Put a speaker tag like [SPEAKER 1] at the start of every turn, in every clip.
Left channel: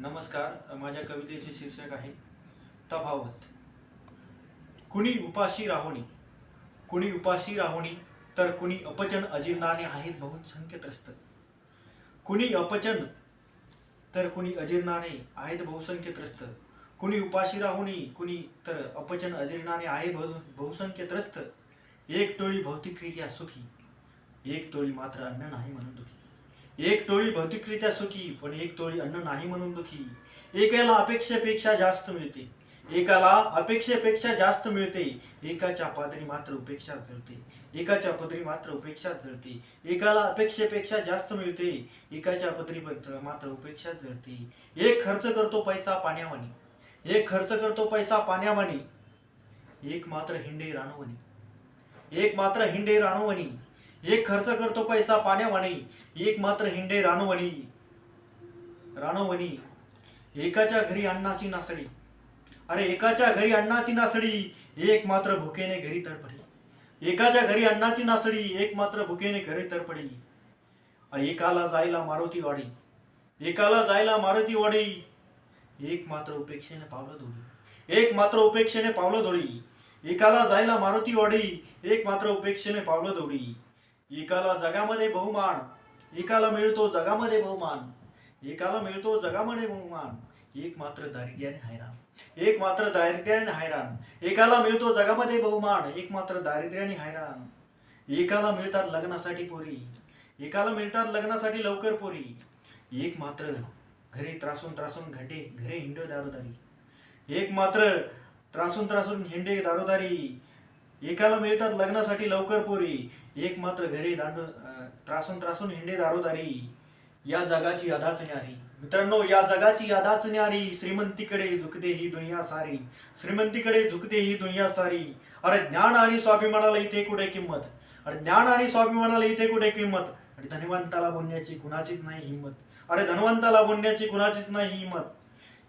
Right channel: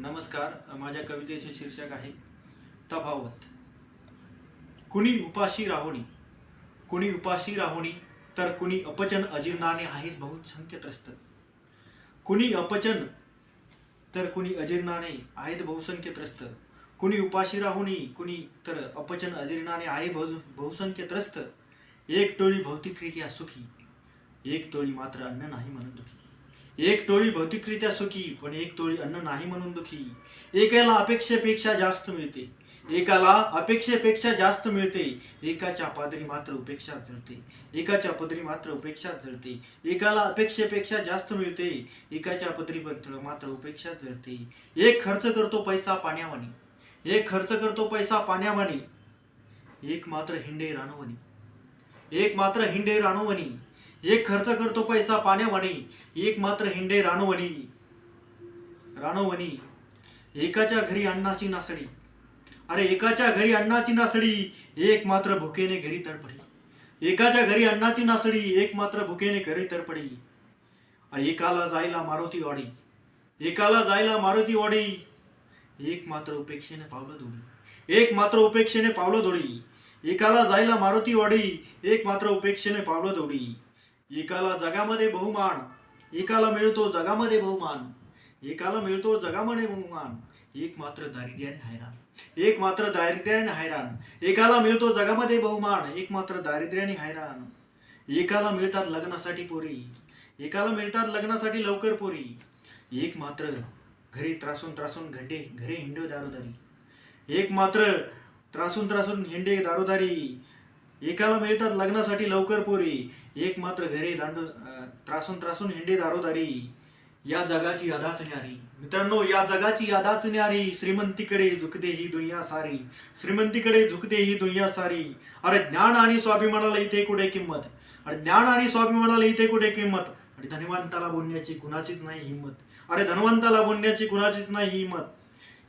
[SPEAKER 1] नमस्कार माझ्या कवितेचे शीर्षक आहे तफावत. कुणी उपाशी राहुणी कुणी उपाशी राहुणी तर कुणी अपचन अजीर्णाने आहेत बहुसंख्य त्रस्त कुणी अपचन तर कुणी अजीर्णाने आहेत बहुसंख्य त्रस्त कुणी उपाशी राहुणी कुणी तर अपचन अजीर्णाने आहे बहु बहुसंख्य त्रस्त एक टोळी भौतिक क्रिया सुखी एक टोळी मात्र अन्न नाही म्हणून दुखी. एक टोळी भौतिकरित्या सुखी पण एक टोळी अन्न नाही म्हणून दुखी. एकाला अपेक्षेपेक्षा जास्त मिळते. एकाला अपेक्षेपेक्षा जास्त मिळते. एकाच्या पादरी मात्र उपेक्षा जळते एकाच्या पदरी मात्र उपेक्षा जळते एकाला अपेक्षेपेक्षा जास्त मिळते. एकाच्या पदरी मात्र मात्र उपेक्षा जळते एक खर्च करतो पैसा पाण्यावानी. एक खर्च करतो पैसा पाण्यावानी. एक मात्र हिंडे रानवणी एक मात्र हिंडे रानवणी एक खर्च करतो पैसा पाण्यावाणी एक मात्र हिंडे रानवणी. रानवणी एकाच्या घरी अन्नाची नासडी. अरे एकाच्या घरी अन्नाची नासडी एक मात्र भुकेने घरी तडपडी. एकाच्या घरी अन्नाची नासडी एक मात्र भुकेने घरी तडपडी. अरे एकाला जायला मारुती वाडी. एकाला जायला मारुती वाडी. एक मात्र उपेक्षेने पावलं धोडी एक मात्र उपेक्षेने पावलं धोडी एकाला जायला मारुती वाडी एक मात्र उपेक्षेने पावलं धोडी एकाला जगामध्ये बहुमान एकाला मिळतो जगामध्ये बहुमान एकाला मिळतो जगामध्ये बहुमान. एक मात्र दारिद्र्याने हैराण एक मात्र दारिद्र्याने हैराण. एकाला मिळतो जगामध्ये बहुमान एक मात्र दारिद्र्याने हैराण. एकाला मिळतात लग्नासाठी पोरी एकाला मिळतात लग्नासाठी लवकर पोरी. एक मात्र घरी त्रासून त्रासून घंटे घरे हिंडो दारोदारी. एक मात्र त्रासून त्रासून हिंडे दारोदारी. एकाला मिळतात लग्नासाठी लवकर पोरी एक मात्र घरी दांड त्रासून त्रासून हिंडे दारोदारी. या जगाची अदाच न्यारी मित्रांनो या जगाची अदाच न्यारी श्रीमंतीकडे झुकते ही दुनिया सारी. श्रीमंतीकडे झुकते ही दुनिया सारी. अरे ज्ञान आणि स्वाभिमानाला इथे कुठे किंमत? अरे ज्ञान आणि स्वाभिमानाला इथे कुठे किंमत? आणि धनवंताला बोलण्याची कुणाचीच नाही हिंमत. अरे धनवंताला बोलण्याची कुणाचीच नाही हिंमत.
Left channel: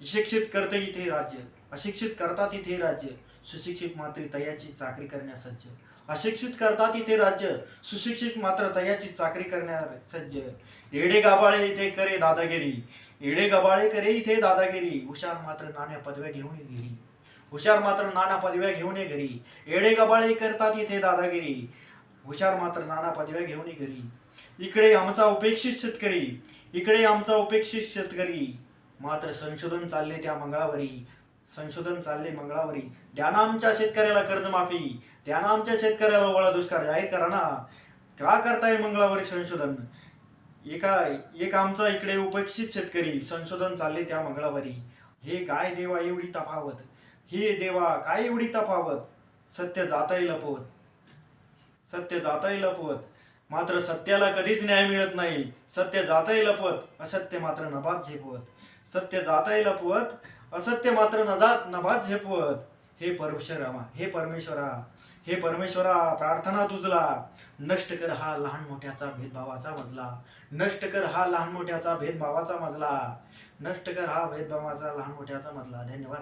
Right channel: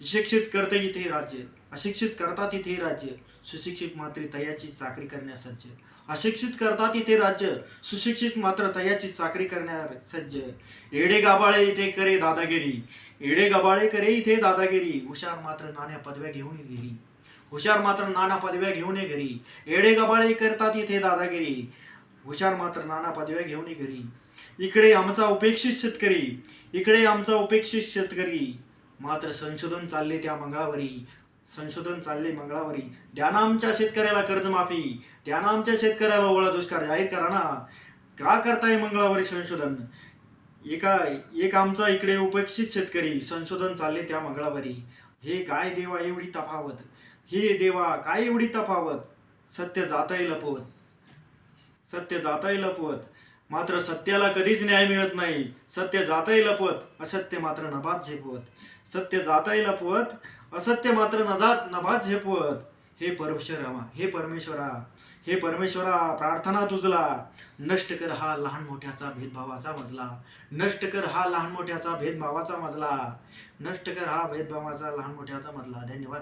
[SPEAKER 1] शिक्षित करते इथे राज्य अशिक्षित करतात इथे राज्य सुशिक्षित मात्र तयाची चाकरी करण्यास सज्ज. अशिक्षित करतात इथे राज्य सुशिक्षित मात्र तयाची चाकरी करण्यास सज्ज. येडे गाबाळे इथे करे दादागिरी येडे गबाळे करे इथे दादागिरी. हुशार मात्र नाण्या पदव्या घेऊन घरी. हुशार मात्र नाना पदव्या घेऊन ये घरी. येडे गबाळे करतात इथे दादागिरी. हुशार मात्र नाना पदव्या घेऊन ये घरी. इकडे आमचा उपेक्षित शेतकरी इकडे आमचा उपेक्षित शेतकरी. मात्र संशोधन चालले त्या मंगळावरी. संशोधन चालले मंगळावरी. द्या ना आमच्या शेतकऱ्याला कर्जमाफी. द्या ना आमच्या शेतकऱ्याला ओळा दुष्काळ जाहीर करा ना. का करताय मंगळावरी संशोधन? एका एक आमचा इकडे उपेक्षित शेतकरी संशोधन चालले त्या मंगळावरी. हे काय देवा एवढी तफावत? हे देवा काय एवढी तफावत? सत्य जाताही लपवत. सत्य जाताही लपवत. मात्र सत्याला कधीच न्याय मिळत नाही. सत्य जाताही लपवत असत्य मात्र नभात झेपवत. सत्य जाताही लपवत असत्य मात्र नजात नभात झेपवत. हे परमेश्वरा हे परमेश्वरा हे परमेश्वरा प्रार्थना तुझला नष्ट कर हा लहान मोठ्याचा भेदभावाचा मजला. नष्ट कर हा लहान मोठ्याचा भेदभावाचा मजला. नष्ट कर हा भेदभावाचा लहान मोठ्याचा मजला. धन्यवाद.